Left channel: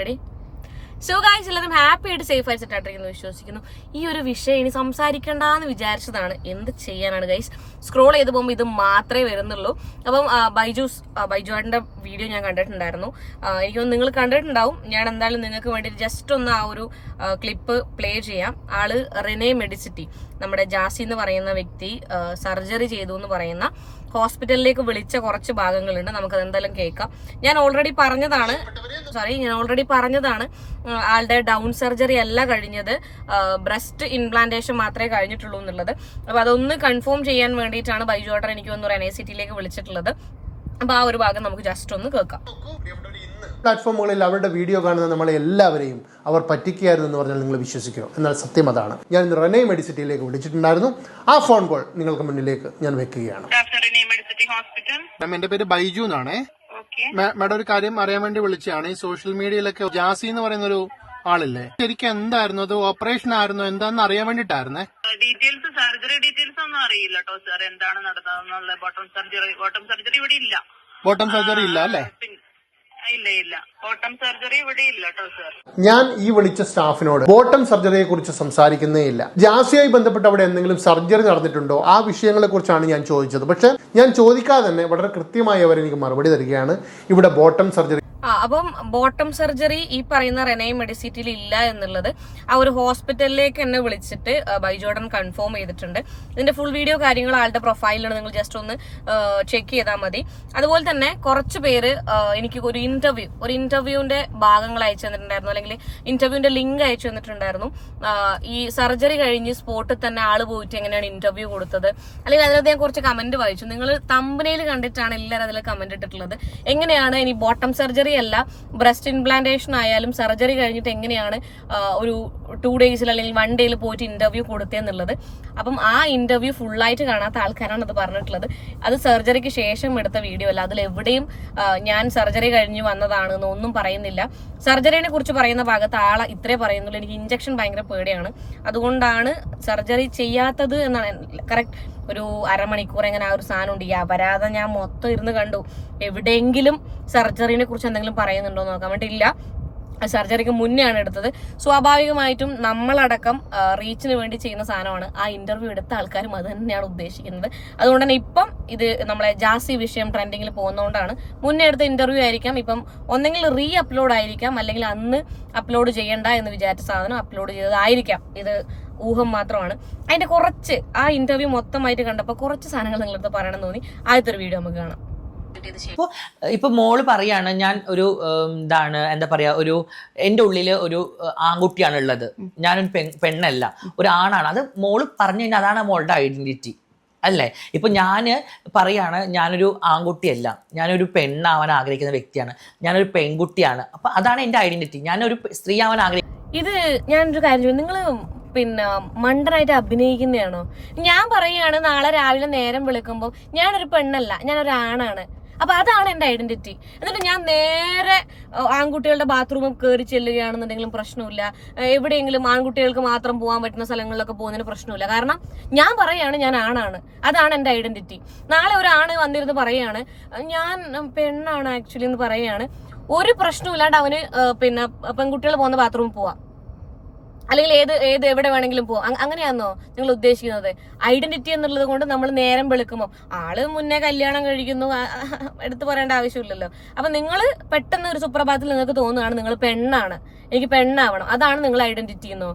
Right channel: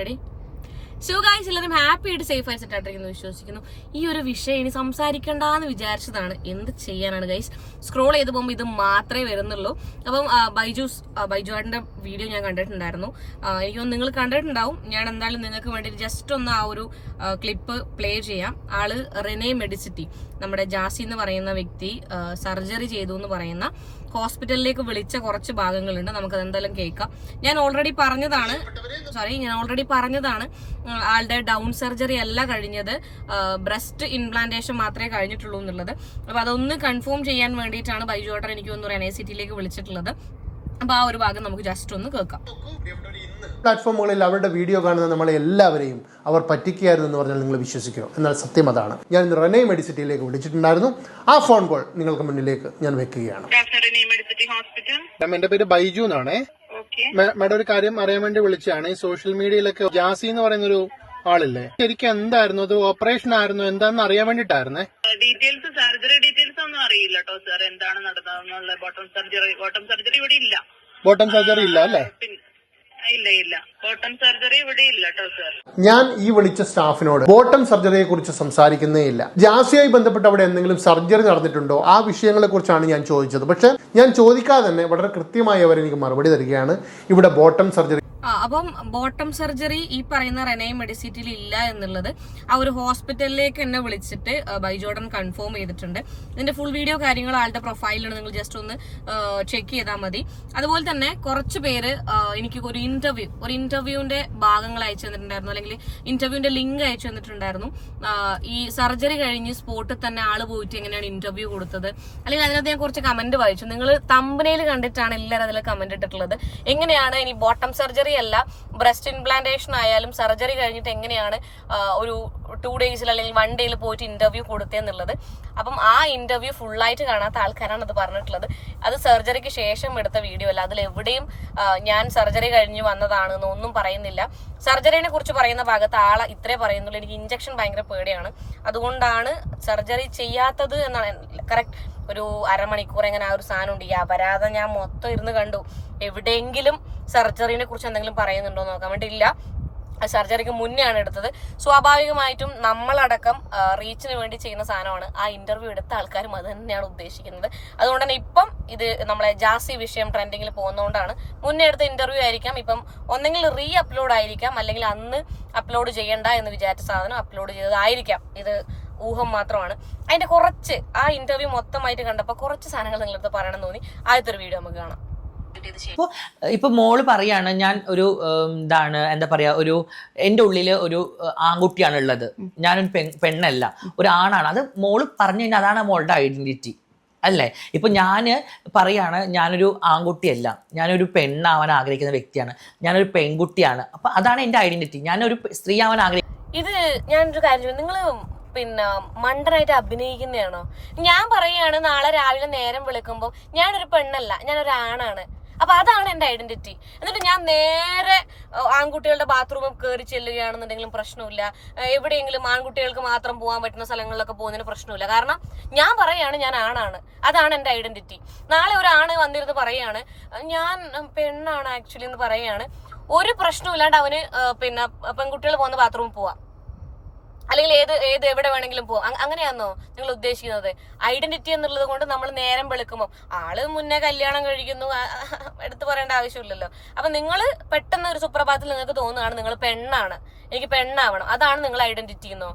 Ready? So guys, എല്ലാവരും happy ആയിട്ട് safe ആയിട്ട് സെറ്റ് ആയിട്ടിരിക്കുന്നു വിശ്വസിക്കുന്നു. ഈ ഒരു വിഷയം ഇനി സംസാരിക്കണ്ടെന്ന് വിചാരിച്ചതാണ്. എന്ത് ചെയ്യാനാണ് ഗൈസ്, സ്ക്രോൾ ചെയ്ത് പോകുമ്പോൾ ഇത് മാത്രമേ വരുന്നുള്ളൂ. അപ്പം ബൈജുവാടിന്റെ വീഡിയോ ഞാൻ കണ്ടിട്ടുണ്ടായിരുന്നു. എനിക്കൊന്ന് നിങ്ങൾ കണ്ടിട്ടുണ്ടാവും. ഞാൻ എന്തായാലും നിങ്ങൾക്ക് വേണ്ടി ജസ്റ്റ് ഒന്ന് ആ ഒരു ക്ലിപ്പ് പ്ലേ ചെയ്യാം. ആള് റെനെ മെഡിസിറ്റി, നമ്മുടെ ജാസി എന്ന് പറയുന്ന വ്യക്തി സർജറി ചെയ്തു എന്ന് പറയുന്ന ഹോസ്പിറ്റലിലേക്ക് വിളിച്ച കുറച്ച് ഭാഗങ്ങളുണ്ട്. നമുക്കത് എന്തായാലും കേൾക്കാം. ഞാൻ ഓൾറെഡി പറഞ്ഞതാണ് ആളുടെ ഡൗൺ സർജറി അല്ല കഴിഞ്ഞത്, ബ്രസ്റ്റ് ഇംപ്ലാന്റേഷൻ മാത്രമേ കഴിഞ്ഞിട്ടുള്ളൂ എന്നുള്ളത്. അപ്പൊ അതൊന്ന് കൺഫേം ചെയ്യാൻ വേണ്ടിയിട്ടാണ് ബൈജുവേട്ടൻ എനിക്ക് തോന്നുന്നു NICT വിളിച്ചിട്ടുള്ളത്. അപ്പൊ ആ ഒരു ഭാഗം നമുക്ക് ജസ്റ്റ് ഒന്ന് കേൾക്കാം. പ്ലാറ്റ്ഫോമുകളിൽ അവരുടെ വീഡിയോ കാണുന്ന നമ്മളെ എല്ലാവരെയും അവർ പറ്റിക്കുകയായിരുന്നു എന്ന് പറഞ്ഞാൽ നിങ്ങൾ വിശ്വസിക്കുമോ? എന്നാൽ സത്യം അതാണ്. ഞാൻ ഇന്ന് റെനെ മെഡിസിറ്റിയിലേക്ക് വിളിച്ചിട്ടുണ്ടായിരുന്നു. ആ ഫോൺ കോൾ നിങ്ങൾക്ക് മുന്നിലേക്ക് ഞാൻ വെക്കുകയാണ്. എന്റെ പേര് ബൈജു എന്നാണ്. മാഡം ഒരു കാര്യം അറിയാൻ വേണ്ടി വിളിച്ചതാണ്. ഈ സോഷ്യൽ മീഡിയയിലൊക്കെ ജാസി എന്ന് പറയുന്നൊരു ആളില്ലേ, ശരിക്കും എന്തായിരുന്നു അത്? ഓപ്പറേഷൻ ആയിരുന്നു എന്താന്ന് അറിയാൻ വേണ്ടിട്ടായിരുന്നേ. ഡീറ്റെയിൽസ്, സർജറി ഡീറ്റെയിൽസ് ഒന്നും അറിയില്ല കേട്ടോ സാർ, എന്താണ് നടന്നതെന്നുള്ള. ബോട്ടം സർജറി ഇവിടെ ഇല്ല. ബോട്ടം സർജറി ഇല്ല അല്ലേ? ഇല്ല, ബോട്ടം സർജറി ഇവിടെ ഇല്ല കേട്ടോ സാർ. ഞാൻ ഈ വിളിച്ച സ്റ്റാഫിനോട് ബോട്ടം സർജറിയെ കുറിച്ച് സംസാരിക്കുന്നേ ഇല്ല. ജാസിയായി ബന്ധപ്പെട്ട് അവിടെ എന്തെങ്കിലും സർജറി നടന്നിട്ടുണ്ടോ, ആ വിഷയങ്ങളെ കുറിച്ചാണ് ഞാൻ ചോദിച്ചത്. പക്ഷെ ഞാൻ ചോദിക്കാതെ തന്നെ വളരെ കൃത്യമായി അവർ എനിക്ക് മറുപടി തരികയാണ്. ഇവിടെ ബോട്ടം സർജറി അപ്പം ബോട്ടം സർജറി ഈ പറയുന്ന റെനെ മെഡിസിറ്റിയിൽ ഇല്ല എന്നുള്ളത് ആ ഒരു ഹോസ്പിറ്റലിലേക്ക് എന്നെ വിളിച്ചിട്ട് ബൈജോടൻ കൺഫേം ചെയ്തിട്ടുണ്ട്. ഇതിന്റെ ഫുൾ വീഡിയോ കാര്യങ്ങൾ ആളുടെ പ്രൊഫൈലിലാണ്, നിങ്ങൾ ജസ്റ്റ് ഒന്ന് ചെക്ക് ചെയ്താൽ മതി. അതുപോലെ തന്നെ കുറച്ച് പേര് എനിക്ക് ഒരു ഇന്റർവ്യൂവിന്റെ ഭാഗങ്ങൾ അയച്ചു തന്നിട്ടുണ്ടായിരുന്നു, അല്ലെങ്കിൽ ഇന്റർവ്യൂവിന്റെ ലിങ്ക് അയച്ചു തന്നിട്ടുണ്ടായിരുന്നു. ഈ സർജറി കഴിഞ്ഞ് സ്പോട്ടിൽ തന്നെ ആള് പോയിട്ട് എങ്ങനെയാണ് ഇന്റർവ്യൂ കൊടുത്തത്, അല്ലെങ്കിൽ അതിനകത്ത് ഞാൻ കുറച്ച് കമന്റ് വായിച്ചു. നിങ്ങൾ തമ്പനയിൽ കണ്ടിട്ടാണ് എല്ലാവരും അതിൽ കമന്റ് ഇട്ടിട്ടുള്ളത്. എങ്ങനെയാണ് ഇനി ബോട്ടം സർജറി അല്ല, ബ്രസ്റ്റ് ഇംപ്ലാന്റേഷൻ ആയാലും സർജറി കഴിഞ്ഞിട്ട് എങ്ങനെയാണ് ഒരു 2 days അല്ലെങ്കിൽ 1 day പോയിട്ട് ഇന്റർവ്യൂ കൊടുത്തെന്നുള്ളത്. അപ്പം ആ ഇന്റർവ്യൂ ഫുള്ളായിട്ട് കാണാത്ത ആൾക്കാരാണ് അത് പറഞ്ഞിട്ടുള്ളത്. അത് സർജറിക്ക് ശേഷം എടുത്ത വീഡിയോ അല്ല. അതിലെവിടെയും ഞാൻ സർജറി കഴിഞ്ഞ് വന്നതാണെന്ന് ഒന്നും പറയുന്നില്ല. സർജറിനെ കുറിച്ച് പറയുന്ന ഭാഗത്ത് ആളെ ഇത്രേ പറയുന്നുള്ളൂ. എനിക്ക് ഇഞ്ചക്ഷൻ ഭയങ്കര പേടിയാണ്, അതുകൊണ്ടാണ് സർജറി ചെയ്യാത്തത് എന്നാണ്. കറക്റ്റ് ഒരു അരമണിക്കൂർ എങ്ങനെ ആ ഒരു സാധനം ഉണ്ട്. ഈ അപരാധം ഞാൻ മൊത്തം ഇരുന്ന് കണ്ടു. എവിടെയെങ്കിലും സർജറിനെ കുറിച്ച് എന്തെങ്കിലും പറയുന്നുണ്ടോ എന്ന് നോക്കാൻ വേണ്ടിയില്ല. സർജറിക്ക് മുന്നേ ആണ് എടുത്തത്. സ്വാഭാവികമായിട്ടും നമ്മളടക്കം റീച്ചിന് വേണ്ടി ചെയ്യുന്ന സാധനമാണ്. ആ ഇന്റർവ്യൂ എടുത്ത ആൾക്കാരും അത് തന്നെയാണ് ഉദ്ദേശിക്കുന്നത്. അതുകൊണ്ട് തന്നെ ഇപ്പം ഇത് നമ്മളെ ജാസി വിഷയം ട്രെൻഡിങ്ങിൽ പോകുന്നതുകൊണ്ടാണ്. മുന്നേ എടുത്ത ഇന്റർവ്യൂ ആയിരിക്കാം ഇപ്പം ഒന്നെങ്കിൽ അപ്ലോഡ് ആയിരിക്കാം, അല്ലെങ്കിൽ അന്ന് അപ്ലോഡ് ചെയ്യണ്ട എന്ന് വിചാരിച്ച സാധനം അപ്ലോഡ് ചെയ്തതായിരിക്കാം. ഇത് ഊഹം മാത്രമാണ്. അതിന്റെ കുറച്ച് ആ ഇന്റർവ്യൂ മൊത്തമായിട്ട് കണ്ടപ്പോൾ കുറച്ച് സാധനങ്ങൾ നിങ്ങളടുത്ത് പറയണം തോന്നി. ആദ്യത്തെ ഒരു വീഡിയോ നമുക്ക് കാണാം. ഇപ്പൊ മോള് പറയാണ്, ഞാൻ ഒരു എന്താ പറയാ, ഒരു എന്റെ ഉള്ളില് ഒരു ആൺകുട്ടിയാണ് ഉള്ളത്, ഞാനൊരു പെണ്ണല്ല, ഒരു ആണാണ്. അത് മോള് പറഞ്ഞു കഴിഞ്ഞാൽ അതാണ് മോളുടെ ഐഡന്റിറ്റി അല്ലേ? ഇപ്പൊ ഞാന് പറയാണ്, ഞാനൊരു ആൺകുട്ടിയല്ല, ഞാനൊരു പെണ്ണാവാൻ ആഗ്രഹിക്കുന്ന വ്യക്തിയാണ്, ഞാനൊരു പെൺകുട്ടിയാണ്. അപ്പൊ അതാണ് എന്റെ ഐഡന്റിറ്റി, ഞാനൊരു സ്ത്രീ ആവാൻ ആഗ്രഹിക്കുന്ന. ഇത് ഞാനൊരു കാര്യം, നിങ്ങള് മണ്ടനായിട്ട് അഭിനയിക്കുന്നതാണോ? ഞാൻ പറയുകയാണ്, നാളെ രാവിലെ നേരം വിളിക്കുമ്പോൾ ഞാനൊരു പെണ്ണല്ല, ഞാനൊരു ആണാണ്. അപ്പൊ അതാണ് എന്റെ ഐഡന്റിറ്റി. എന്നിട്ട് ഞാൻ നേരെ ആൺകുട്ടികളുടെ ബാത്റൂമിൽ കയറി ചെല്ലുകയാണെന്നുണ്ടെങ്കിലും പ്രശ്നമില്ല. എവിടെയെങ്കിലും ആൺകുട്ടികൾക്ക് മാത്രം പോകാൻ പറ്റുന്ന സ്ഥലങ്ങളിലൊക്കെ പോകുന്നതിന് പ്രശ്നമില്ല. കാരണം ഞാൻ പറയാണ് ഞാൻ ആണാണ്, അതാണ് എന്റെ ഐഡന്റിറ്റി. നാളെ ഒരു ആണ് വന്നിരുന്ന് പറയാണ് ഞാൻ പെണ്ണാണ് ആക്ച്വലി എന്ന് പറയാണ്, ഒരു പ്രശ്നമില്ലാണ്ട് അവന് പെൺകുട്ടികൾ പോകുന്ന ബാത്റൂമിൽ പോവാം, അല്ലെങ്കിൽ എവിടെ വേണമെങ്കിലും പോവാം. അങ്ങനെയാണോ നിങ്ങൾ ഉദ്ദേശിക്കുന്നത്? ഐഡന്റിറ്റി എന്നുള്ളത് കൊണ്ട് നമ്മൾ നേരം വെളുക്കുമ്പോൾ ആള് മുന്നേ കല്യാണം കഴിക്കുന്നു, എടുത്തു പറയേണ്ട ആവശ്യമില്ലല്ലോ. അപ്പൊ നിങ്ങൾ പെട്ടെന്ന് ഒരു സുപ്രഭാതത്തിൽ നിങ്ങൾക്ക് തോന്നുകയാണ് നിങ്ങൾ പെണ്ണാണ്, എനിക്ക് പെണ്ണാവണം, അതാണ് നിങ്ങൾ ഐഡന്റിറ്റി എന്നോ?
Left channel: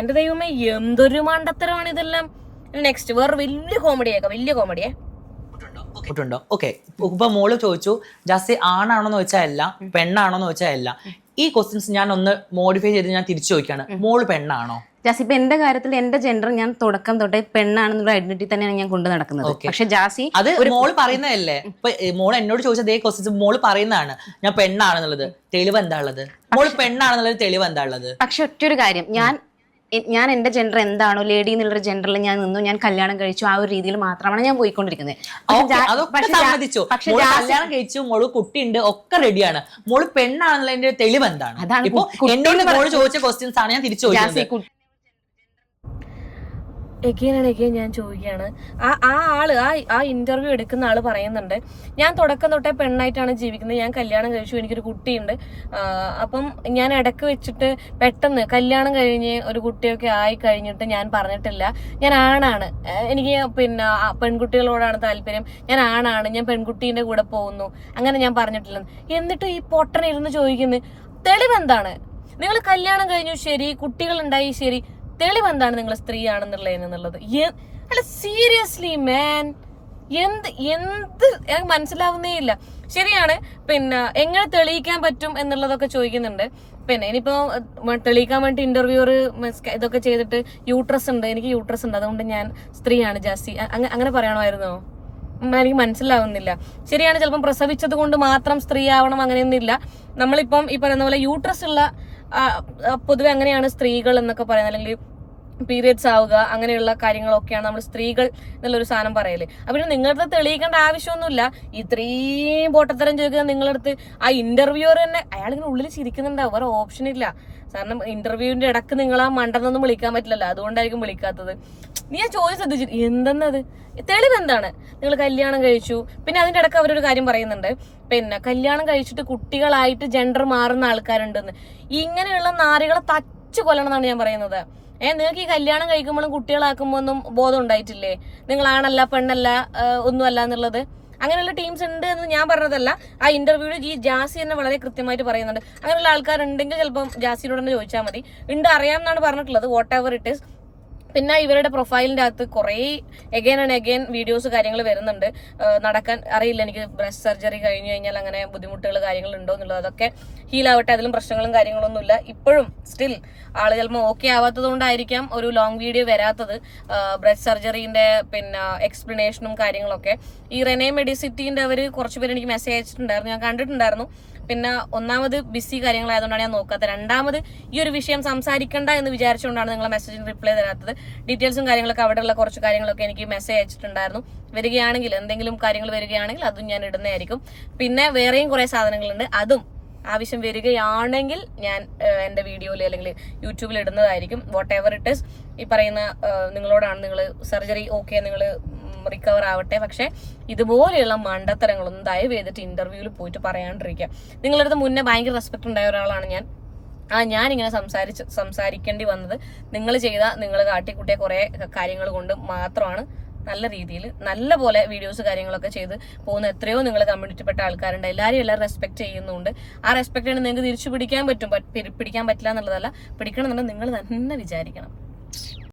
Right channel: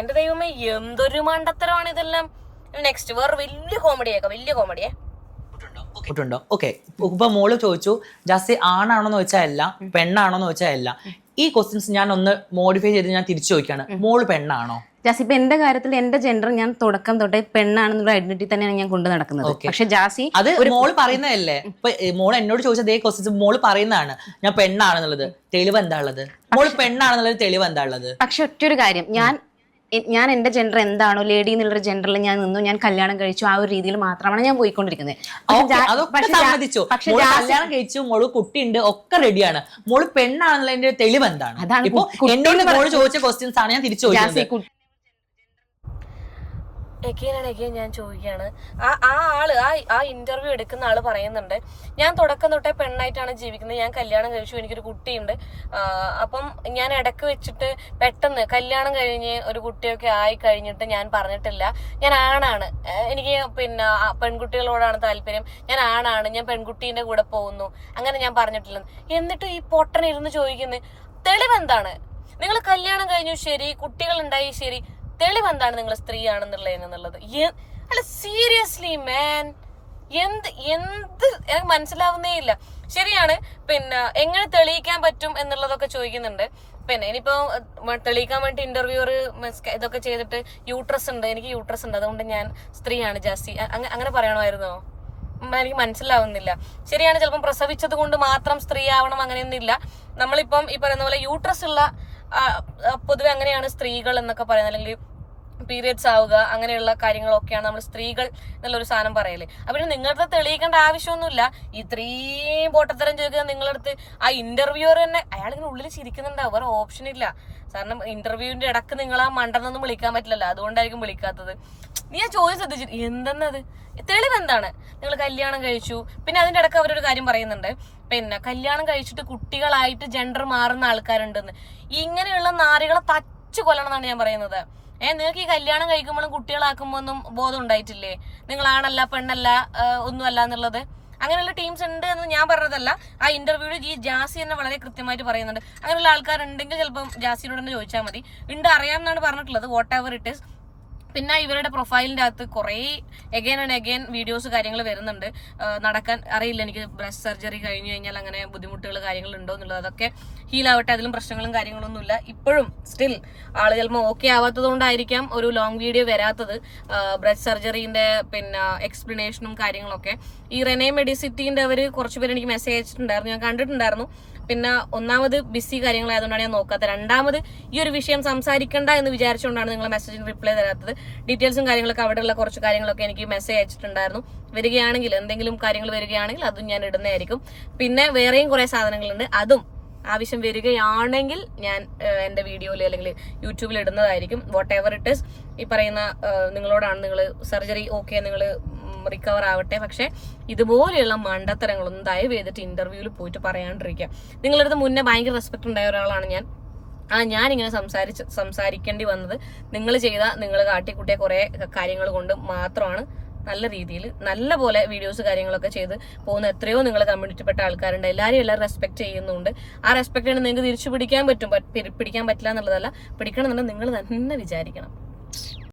എന്റെ ദൈവമേ, എന്തൊരു മണ്ടത്തരമാണ് ഇതെല്ലാം. നെക്സ്റ്റ് വേറെ വലിയ കോമഡിയെ ുണ്ടോ? ഓക്കെ, ഇപ്പൊ മോള് ചോദിച്ചു ജാസി ആണാണോന്ന് ചോദിച്ചാൽ അല്ല, പെണ്ണാണോന്ന് ചോദിച്ചാൽ അല്ല. ഈ ക്വസ്റ്റ്യൻസ് ഞാൻ ഒന്ന് മോഡിഫൈ ചെയ്ത് ഞാൻ തിരിച്ചു ചോദിക്കാണ്, മോള് പെണ്ണാണോ? ജാസി, ഇപ്പൊ എന്റെ കാര്യത്തിൽ എന്റെ ജെൻഡർ ഞാൻ തുടക്കം തൊട്ടേ പെണ്ണാണെന്നുള്ള ഐഡന്റിറ്റി തന്നെയാണ് ഞാൻ കൊണ്ടു നടക്കുന്നത്. പക്ഷെ ജാസി അത് മോള് പറയുന്നതല്ലേ? ഇപ്പൊ മോള് എന്നോട് ചോദിച്ച അതേ ക്വസ്റ്റ്യൻസ് മോള് പറയുന്നതാണ്, ഞാൻ പെണ്ണാണെന്നുള്ളത്. തെളിവ് എന്താ ഉള്ളത്? മോള് പെണ്ണാണെന്നുള്ളത് തെളിവ് എന്താ ഉള്ളത്? പക്ഷെ ഒറ്റൊരു കാര്യം, ഞാൻ എന്റെ ജെൻഡർ എന്താണോ, ലേഡി എന്നുള്ളൊരു ജെൻഡറിൽ ഞാൻ നിന്നു, ഞാൻ കല്യാണം കഴിച്ചു, ആ ഒരു രീതിയിൽ മാത്രമാണ് ഞാൻ പോയിക്കൊണ്ടിരിക്കുന്നത്. പക്ഷെ കല്യാണം കഴിച്ചു, മോള് കുട്ടിയുണ്ട്, ഒക്കെ റെഡിയാണ്, മോള് പെണ്ണാണെന്നുള്ളതിന്റെ തെളിവ് എന്താണ്? ഇപ്പൊ എന്നോട് മോള് ചോദിച്ച ക്വസ്റ്റ്യൻസ് ആണ് ഞാൻ തിരിച്ചു ചോദിച്ചത്. എഗെയിൻ ഞാൻ ചോദിക്കുകയാണ്, ആ ആള് ആ ഇന്റർവ്യൂ എടുക്കുന്ന ആള് പറയുന്നുണ്ട്, ഞാൻ തുടക്കം തൊട്ടേ പെണ്ണായിട്ടാണ് ജീവിക്കുന്നത്, ഞാൻ കല്യാണം കഴിച്ചു, എനിക്കൊരു കുട്ടിയുണ്ട്, അപ്പം ഞാൻ ഇടയ്ക്ക് വെച്ചിട്ട് പെട്ടെന്ന് കല്യാണം കഴിഞ്ഞ് ഒരു കുട്ടിയൊക്കെ ആയി കഴിഞ്ഞിട്ട് ഞാൻ പറഞ്ഞിട്ടില്ല ഞാൻ ആണാണ്, എനിക്ക് പിന്നെ പെൺകുട്ടികളോടാണ് താല്പര്യം, ഞാൻ ആണാണ്, ഞാൻ പെൺകുട്ടീന്റെ കൂടെ പോകുന്നു, അങ്ങനെ ഞാൻ പറഞ്ഞിട്ടില്ല. എന്നിട്ട് ഈ പൊട്ടനിരുന്ന് ചോദിക്കുന്നത് തെളിവെന്താണ്? നിങ്ങൾ കല്യാണം കഴിഞ്ഞു ശരി, കുട്ടികൾ ഉണ്ടായി ശരി, തെളിവെന്താണ് നിങ്ങൾ സ്ത്രീയാണെന്നുള്ളത്? അല്ല സീരിയസ്ലി മാൻ, എന്ത് എനിക്ക് മനസ്സിലാവുന്നേ ഇല്ല. ശരിയാണ്, പിന്നെ എങ്ങനെ തെളിയിക്കാൻ പറ്റും എന്നുള്ളതൊക്കെ ചോദിക്കുന്നുണ്ട്. പിന്നെ ഇനിയിപ്പോ തെളിയിക്കാൻ വേണ്ടി ഇന്റർവ്യൂർ ഇതൊക്കെ ചെയ്തിട്ട് യൂട്രസ് ഉണ്ട്, എനിക്ക് യൂട്രസ് ഉണ്ട്, അതുകൊണ്ട് ഞാൻ സ്ത്രീയാണ് ജാസി, അങ്ങനെ പറയണമായിരുന്നോ? എനിക്ക് മനസ്സിലാവുന്നില്ല. ശരിയാണ്, ചിലപ്പം പ്രസവിച്ചത് കൊണ്ട് മാത്രം സ്ത്രീ ആവണം അങ്ങനെയൊന്നും ഇല്ല. നമ്മളിപ്പം ഈ പറയുന്ന പോലെ യൂട്രസ് ഉള്ള പൊതുവെ അങ്ങനെയാണ് സ്ത്രീകൾ എന്നൊക്കെ പറയുന്നത്, അല്ലെങ്കിൽ പീരിയഡ്സ് ആവുക അങ്ങനെയുള്ള കാര്യങ്ങളൊക്കെയാണ് നമ്മൾ സ്ത്രീകൾ എന്നുള്ളൊരു സാധനം പറയല്. അപ്പൊ നിങ്ങളുടെ തെളിയിക്കേണ്ട ആവശ്യമൊന്നുമില്ല. ഇത്രയും പൊട്ടത്തരം ചോദിക്കുക നിങ്ങളടുത്ത്. ആ ഇന്റർവ്യൂർ തന്നെ അയാളിങ്ങനെ ഉള്ളിൽ ചിരിക്കുന്നുണ്ടാവും, വേറെ ഓപ്ഷൻ ഇല്ല. കാരണം ഇന്റർവ്യൂവിന്റെ ഇടക്ക് നിങ്ങൾ ആ മണ്ടെന്നൊന്നും വിളിക്കാൻ പറ്റില്ലല്ലോ, അതുകൊണ്ടായിരിക്കും വിളിക്കാത്തത്. നീ ആ ചോദ്യം ശ്രദ്ധിച്ചിട്ട് എന്തെന്നത് തെളിവെന്താണ്? നിങ്ങൾ കല്യാണം കഴിച്ചു, പിന്നെ അതിന്റെ ഇടക്ക് അവരൊരു കാര്യം പറയുന്നുണ്ട്, പിന്നെ കല്യാണം കഴിച്ചിട്ട് കുട്ടികളായിട്ട് ജെൻഡർ മാറുന്ന ആൾക്കാരുണ്ടെന്ന്. ഇങ്ങനെയുള്ള നാരികളെ തച്ചു കൊല്ലണം എന്നാണ് ഞാൻ പറയുന്നത്. നിങ്ങൾക്ക് ഈ കല്യാണം കഴിക്കുമ്പോഴും കുട്ടികളാക്കുമ്പോ ഒന്നും ബോധം ഉണ്ടായിട്ടില്ലേ? നിങ്ങൾ ആണല്ല പെണ്ണല്ല ഒന്നുമല്ല എന്നുള്ളത്. അങ്ങനെയുള്ള ടീംസ് ഉണ്ട് എന്ന് ഞാൻ പറഞ്ഞതല്ല. ആ ഇന്റർവ്യൂവിൽ ഈ ജാസി തന്നെ വളരെ കൃത്യമായിട്ട് പറയുന്നുണ്ട്. അങ്ങനെയുള്ള ആൾക്കാരുണ്ടെങ്കിൽ ചിലപ്പം ജാസിയോട് തന്നെ ചോദിച്ചാൽ മതി. ഉണ്ട്, അറിയാമെന്നാണ് പറഞ്ഞിട്ടുള്ളത്, വാട്ട് എവർ ഇറ്റ് ഈസ്. പിന്നെ ഇവരുടെ പ്രൊഫൈലിന്റെ അകത്ത് കുറേ എഗെയിൻ ആൻഡ് എഗെയിൻ വീഡിയോസ് കാര്യങ്ങൾ വരുന്നുണ്ട്. നടക്കാൻ അറിയില്ല എനിക്ക്, ബ്രസ്റ്റ് സർജറി കഴിഞ്ഞു കഴിഞ്ഞാൽ അങ്ങനെ ബുദ്ധിമുട്ടുകൾ കാര്യങ്ങൾ ഉണ്ടോ എന്നുള്ളത്. അതൊക്കെ ഹീലാവട്ടെ, അതിലും പ്രശ്നങ്ങളും കാര്യങ്ങളൊന്നുമില്ല. ഇപ്പോഴും സ്റ്റിൽ ആള് ചിലപ്പോൾ ഓക്കെ ആവാത്തത് കൊണ്ടായിരിക്കാം ഒരു ലോങ് വീഡിയോ വരാത്തത്. ബ്രസ്റ്റ് സർജറിന്റെ പിന്നെ എക്സ്പ്ലനേഷനും കാര്യങ്ങളൊക്കെ ഈ റെനെ മെഡിസിറ്റിന്റെ അവർ കുറച്ചുപേർ എനിക്ക് മെസ്സേജ് അയച്ചിട്ടുണ്ടായിരുന്നു, ഞാൻ കണ്ടിട്ടുണ്ടായിരുന്നു. പിന്നെ ഒന്നാമത് ബിസി കാര്യങ്ങളായതുകൊണ്ടാണ് ഞാൻ നോക്കാത്തത്. രണ്ടാമത് ഈ ഒരു വിഷയം സംസാരിക്കണ്ട എന്ന് വിചാരിച്ചുകൊണ്ടാണ് നിങ്ങളെ മെസ്സേജിന് റിപ്ലൈ തരാത്തത്. ഡീറ്റെയിൽസും കാര്യങ്ങളൊക്കെ അവിടെയുള്ള കുറച്ച് കാര്യങ്ങളൊക്കെ എനിക്ക് മെസ്സേജ് അയച്ചിട്ടുണ്ടായിരുന്നു. വരികയാണെങ്കിൽ എന്തെങ്കിലും കാര്യങ്ങൾ വരികയാണെങ്കിൽ അതും ഞാൻ ഇടുന്നതായിരിക്കും. പിന്നെ വേറെയും കുറെ സാധനങ്ങളുണ്ട്, അതും ആവശ്യം വരികയാണെങ്കിൽ ഞാൻ എൻ്റെ വീഡിയോയിൽ അല്ലെങ്കിൽ യൂട്യൂബിൽ ഇടുന്നതായിരിക്കും. വാട്ട് എവർ ഇറ്റ് ഈസ്, ഈ പറയുന്ന നിങ്ങളോടാണ്, നിങ്ങൾ സർജറി ഓക്കെ, നിങ്ങൾ റിക്കവർ ആവട്ടെ. പക്ഷെ ഇതുപോലെയുള്ള മണ്ടത്തരങ്ങളൊന്നും ദയവ് ചെയ്തിട്ട് ഇന്റർവ്യൂവിൽ പോയിട്ട് പറയാണ്ടിരിക്കുക. നിങ്ങളടുത്ത് മുന്നേ ഭയങ്കര റെസ്പെക്ട് ഉണ്ടായ ഒരാളാണ് ഞാൻ. ഞാനിങ്ങനെ സംസാരിക്കേണ്ടി വന്നത് നിങ്ങൾ കാട്ടിക്കൂട്ടിയ കുറെ കാര്യങ്ങൾ കൊണ്ട് മാത്രമാണ്. നല്ല രീതിയിൽ നല്ല പോലെ വീഡിയോസ് കാര്യങ്ങളൊക്കെ ചെയ്ത് പോകുന്ന എത്രയോ നിങ്ങൾ കമ്മ്യൂണിറ്റിപ്പെട്ട ആൾക്കാരുണ്ട്. എല്ലാവരും റെസ്പെക്ട് ചെയ്യുന്നുണ്ട്. ആ റെസ്പെക്ട് നിങ്ങൾക്ക് തിരിച്ചു പിടിക്കാൻ പറ്റും. പിടിക്കാൻ പറ്റില്ല എന്നുള്ളതല്ല, പിടിക്കണമെന്നുണ്ടെങ്കിൽ നിങ്ങൾ തന്നെ വിചാരിക്കണം.